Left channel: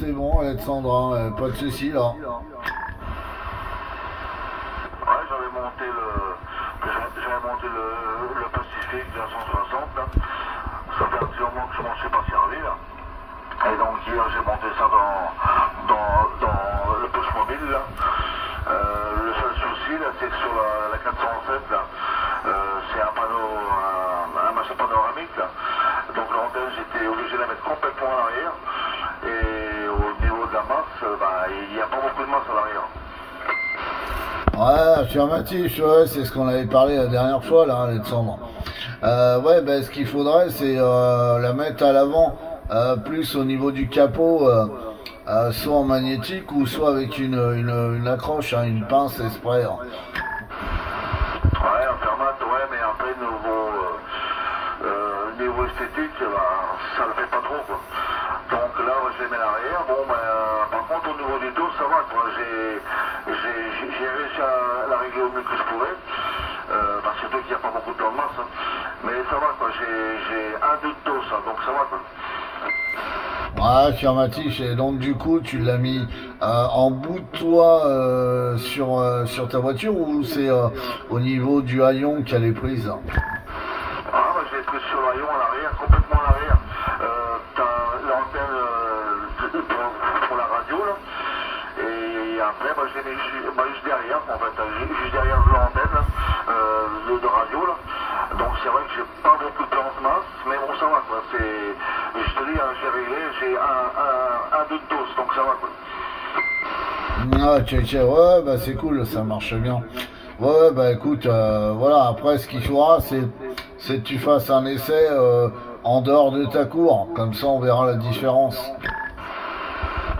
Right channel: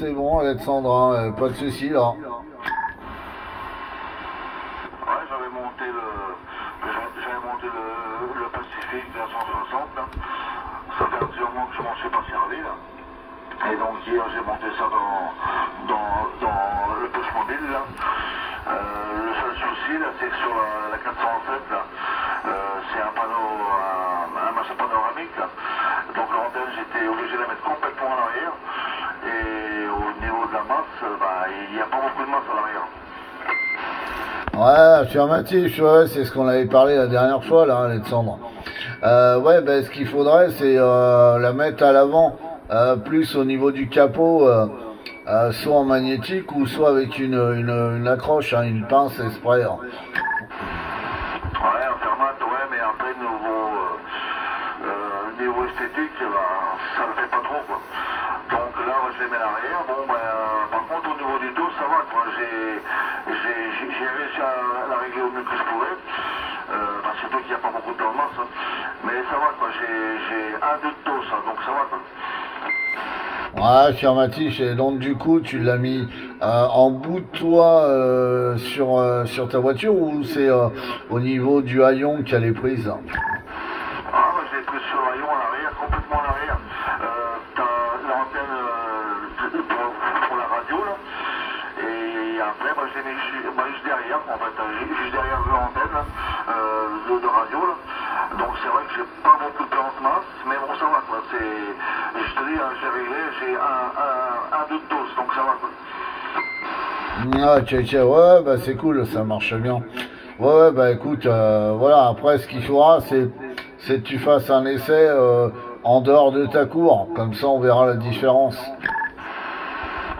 C'est bon, Alexandre, hein, pas de soucis là. Ouais, j'avais monté le Pacifique 260 là. Ça fait un petit moment que je m'en suis pas servi là. Et donc hier j'ai monté ça dans le poche mobile là. Le seul souci là, c'est que sur la 407 là, c'est un panneau, un machin panoramique là. Donc l'antenne, j'étais obligé de la mettre complètement à l'arrière. Et au niveau de la masse, il n'y a pas beaucoup de masse à l'arrière. Ouais, affirmatif, ouais, c'est ce qu'on avait parlé la dernière fois là, Alexandre. Ouais, ben ce qu'il faudrait, c'est la mettre à l'avant, plus au niveau du capot, soit en magnétique ou soit avec une accroche, hein, une pince exprès. Hein. Ouais, en fermate, ouais, mais après, niveau esthétique, ça le fait pas trop, quoi. Donc là, je les mets à l'arrière. Bon, par contre, au niveau du dos, ça va, quoi. J'ai réussi à la régler au mieux que je pouvais. Surtout qu'il n'y a pas beaucoup de temps de masse. Hein. Mais ça va, quoi. J'ai un deux de dos, ça, donc ça va, quoi. Ouais, affirmatif, et donc du coup, tu l'as mis en bout de toit sur ta voiture ou c'est au niveau du haillon qu'elle est prise? Je l'ai pris sur l'haillon à l'arrière, complètement à l'arrière. T'as l'antenne pour la radio, là. Et après, je l'ai mis juste derrière, en fait, juste derrière l'antenne de radio, là. Donc c'est vrai que j'ai pas beaucoup de plan de masse, mais bon, ça va, quoi. Je te dis, hein, j'ai réglé, j'ai un deux de dose, donc ça va, quoi. Ah, ok, ouais, bah c'est cool, ça marche bien. Ouais, bah écoute, voilà, après ce qu'il faudra, c'est que tu fasses un essai en dehors de ta cour, comme ça on verra la différence.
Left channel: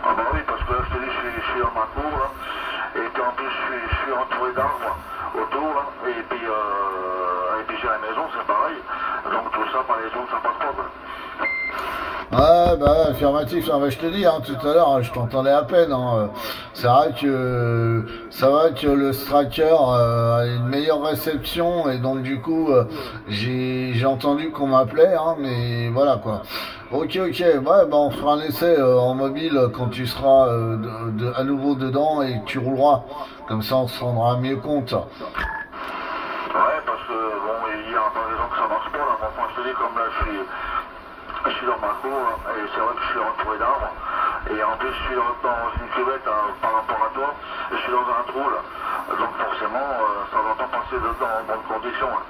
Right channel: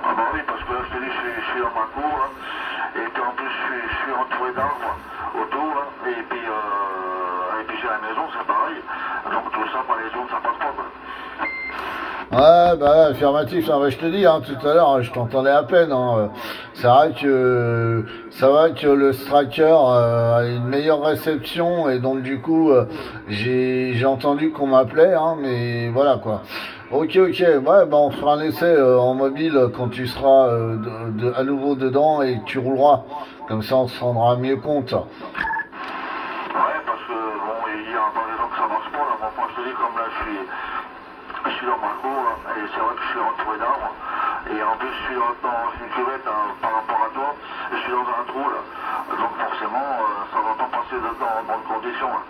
Ah bah oui, parce que là, je te dis, je suis dans ma cour, là, et puis en plus, je suis entouré d'arbres autour, là, et puis j'ai la maison, c'est pareil. Donc tout ça, par les autres, ça passe pas, quoi. Ouais, bah affirmatif, hein, bah, je te dis, hein, tout à l'heure, je t'entendais à peine. Hein, c'est vrai que le Stracker a une meilleure réception et donc du coup, j'ai entendu qu'on m'appelait, hein, mais voilà quoi. Ok, ouais, bah on fera un essai en mobile quand tu seras à nouveau dedans et que tu rouleras. Comme ça, on se rendra mieux compte. Ouais, parce que bon, il y a encore des gens que ça marche pas, là. Enfin, je te dis, comme là, je suis dans ma cour, là, et c'est vrai que je suis entouré d'arbres. Et en plus, je suis dans une cuvette, hein, par rapport à toi, et je suis dans un trou, là. Donc forcément, ça va pas passer dans bonnes conditions, hein.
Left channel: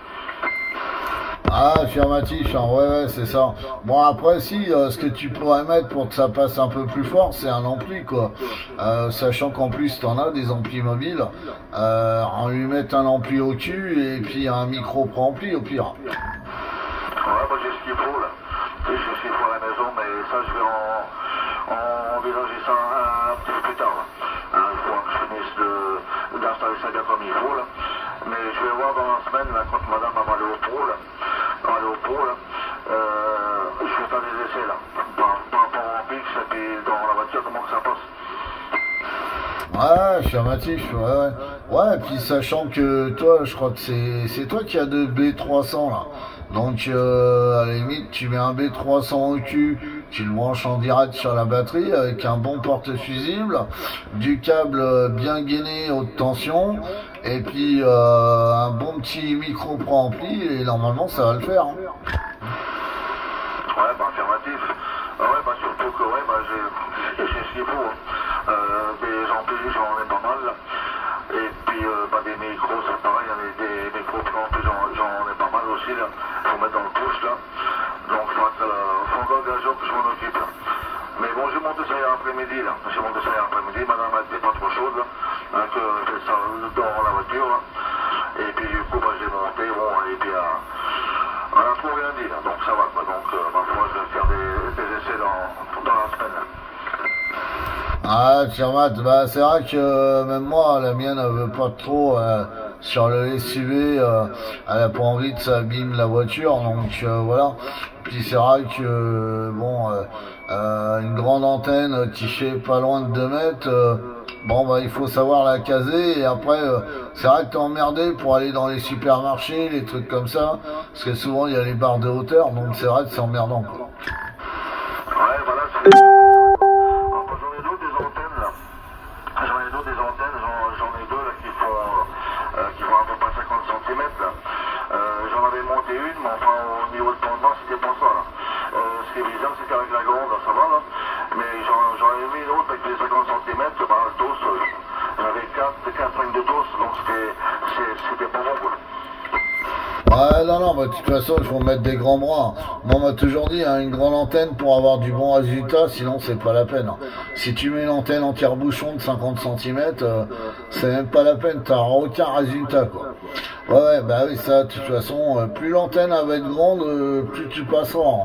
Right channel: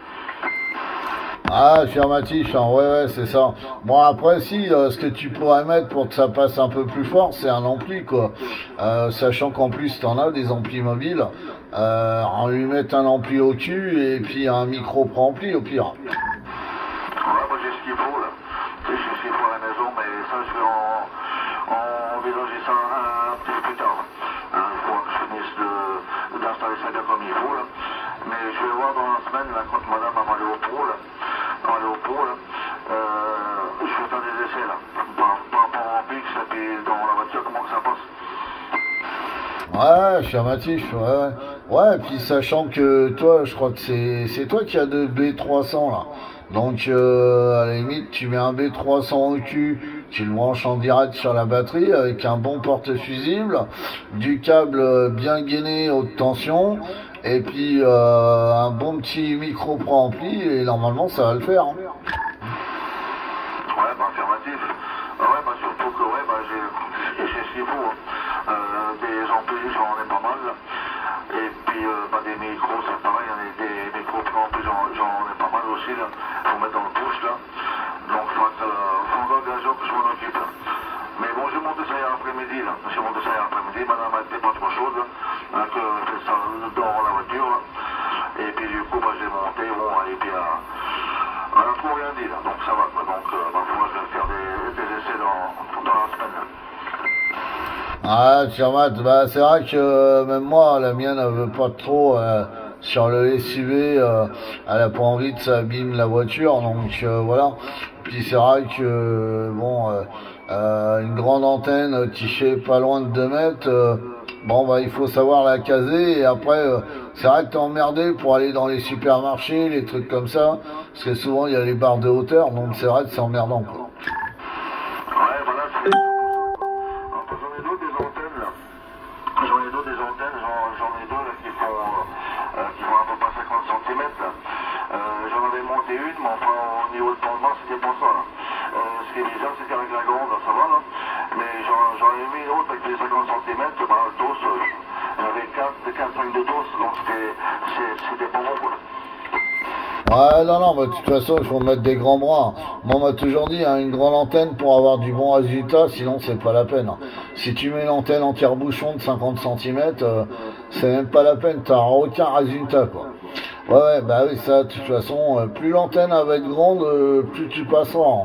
Ah, affirmatif, hein, ouais, c'est ça. Bon, après, si, ce que tu pourrais mettre pour que ça passe un peu plus fort, c'est un ampli, quoi. Sachant qu'en plus, t'en as des amplis mobiles. On lui met un ampli au cul et puis un micro préampli au pire. Ouais, moi j'ai ce qu'il faut, là. J'ai ce qu'il faut à la maison, mais ça, je vais envisager ça un petit peu plus tard, là. Hein, il faut que je finisse d'installer ça bien comme il faut, là. Mais je vais voir dans la semaine, là, quand madame va aller au pro, là. Je vais faire des essais, là. Par rapport en PX et puis dans la voiture, comment que ça passe. Ouais, affirmatif, ouais. Ouais, et puis sachant que toi, je crois que c'est toi qui as de B300 là. Donc à la limite, tu mets un B300 au cul, tu le branches en direct sur la batterie avec un bon porte-fusible, du câble bien gainé haute tension, et puis un bon petit micro préampli, et normalement ça va le faire. Hein. Ouais, affirmatif. Ouais, surtout que, j'ai ce qu'il faut. Des amplis, j'en ai pas mal, là. Et puis, des micros, c'est pareil, des micros préamplis, j'en ai pas mal aussi, là. Faut mettre dans le push, là. Donc, faut l'engagement que je m'en occupe, là. Mais bon, j'ai monté ça hier après-midi, là. J'ai monté ça hier après-midi, madame n'était pas trop chaude, là. Hein, que je fais ça dans la voiture, là. Et puis, du coup, j'ai monté, bon, et puis, on n'a trop rien dit, là. Donc, ça va, quoi. Donc, ma foi, je vais faire des essais dans la semaine, là. Ah, Tiamat, bah c'est vrai que même moi, la mienne, elle veut pas trop sur le SUV, elle a pas envie que ça abîme la voiture, donc voilà. Puis c'est vrai que bon, une grande antenne qui fait pas loin de 2 mètres, bon bah il faut savoir la caser et après c'est vrai que t'es emmerdé pour aller dans les supermarchés, les trucs comme ça, parce que souvent il y a les barres de hauteur, donc c'est vrai que c'est emmerdant quoi. Ouais, voilà, c'est... En passant, monter une, mais enfin au niveau de pendant, c'était pas ça là. Ce qui est bizarre, c'est qu'avec la grande, ça va là. Mais j'en ai mis une autre avec les 50 cm, bah, le dos, j'avais 4-5 de dos, donc c'était pas bon quoi. Ouais, non, non, mais de toute façon, il faut mettre des grands bras. Moi, on m'a toujours dit, hein, une grande antenne pour avoir du bon résultat, sinon c'est pas la peine. Si tu mets une antenne en tire-bouchon de 50 cm, c'est même pas la peine, t'auras aucun résultat, quoi. Ouais, ouais, bah oui, ça, de toute façon, plus l'antenne va être grande, plus tu passeras. Hein.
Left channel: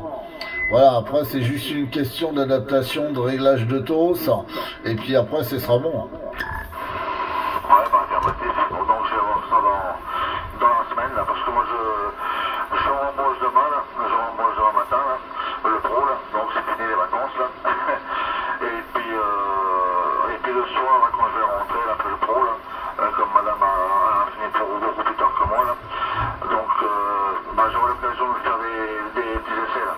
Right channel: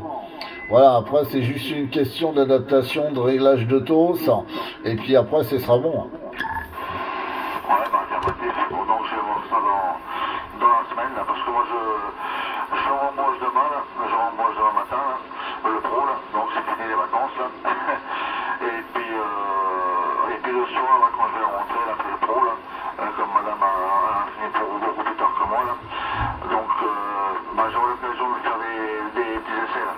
Voilà, après, c'est juste une question d'adaptation, de réglage de TOS, et puis après, ce sera bon. Ouais, bah, affirmatif. Bon, donc, je vais voir ça dans la semaine, là, parce que moi, je rembauche demain, là. Je rembauche demain matin, là, le pro, là. Donc, c'est fini les vacances, là. et puis le soir, là, quand je vais rentrer, là, après le pro, là, comme madame a fini pour beaucoup plus tard que moi, là. Donc, bah, j'aurai l'occasion de faire des petits essais, là.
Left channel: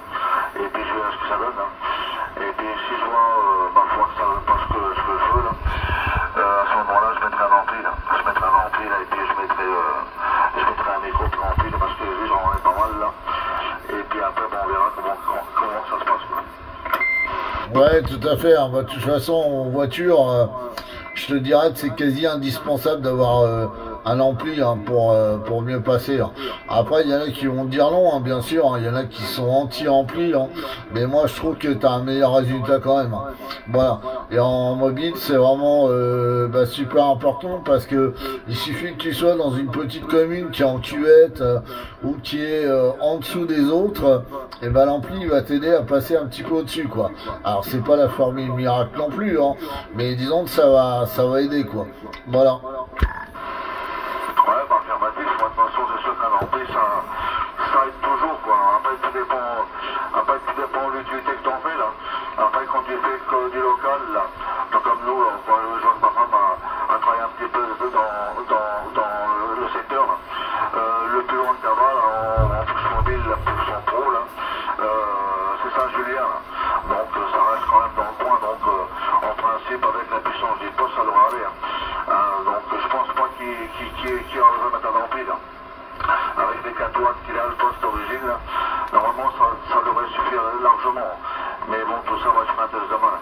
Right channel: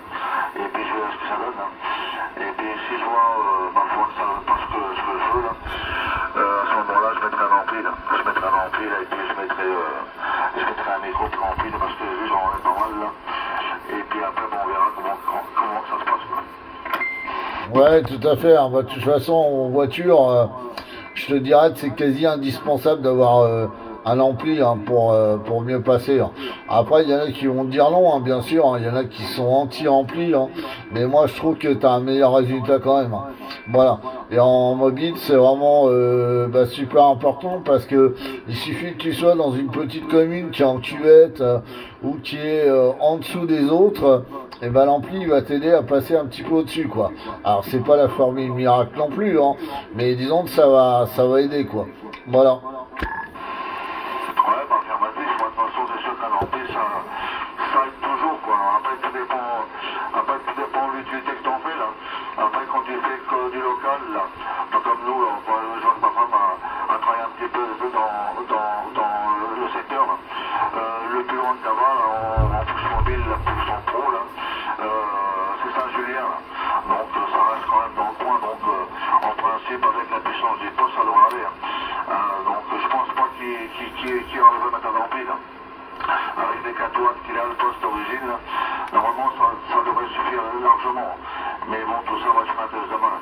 Et puis, je verrai ce que ça donne, là. Et puis, si je vois, bah, faut que ça passe ce que je veux, là. À ce moment-là, je mettrai un ampli, là. Je mettrai un ampli, là, et puis je mettrai un micro plus rempli, parce que lui, j'en ai pas mal, là. Et puis après, bon, on verra comment ça se passe, quoi. Ouais, tout à fait. Hein. Bah, de toute façon, en voiture, je te dirais que c'est quasi indispensable d'avoir un ampli hein, pour mieux passer. Hein. Après, il y en a qui vont dire non, hein, bien sûr. Hein. Il y en a qui sont anti-ampli. Hein. Mais moi, je trouve que tu as un meilleur résultat quand même. Hein. Voilà. Et en mobile, c'est vraiment bah, super important parce que il suffit que tu sois dans une petite commune qui est en cuvette ou qui est en dessous des autres, et ben l'ampli va t'aider à passer un petit peu au-dessus, quoi. Alors c'est pas la formule miracle non plus, hein, mais disons que ça va aider, quoi. Voilà. Ouais, bah, affirmatif, moi, de toute façon, c'est sûr qu'un ampli, ça aide toujours, quoi. Après, tout dépend de l'utilité que t'en fais, là. Après, quand tu fais que du local, là, comme nous, là, je vois que ma femme a travaillé un petit peu dans le secteur, là. Le plus loin de Cava, là, en push mobile, la push en pro, là, c'est Saint-Julien, là. Donc, ça reste quand même dans le coin, donc, en principe, avec la puissance du poste, ça devrait aller, hein. Donc, je pense pas qu'il a besoin de mettre un ampli, là. Avec les 4 watts qu'il a, le poste d'origine, normalement ça devrait suffire largement. Mais bon, tout ça, moi je ferai un test demain. Là.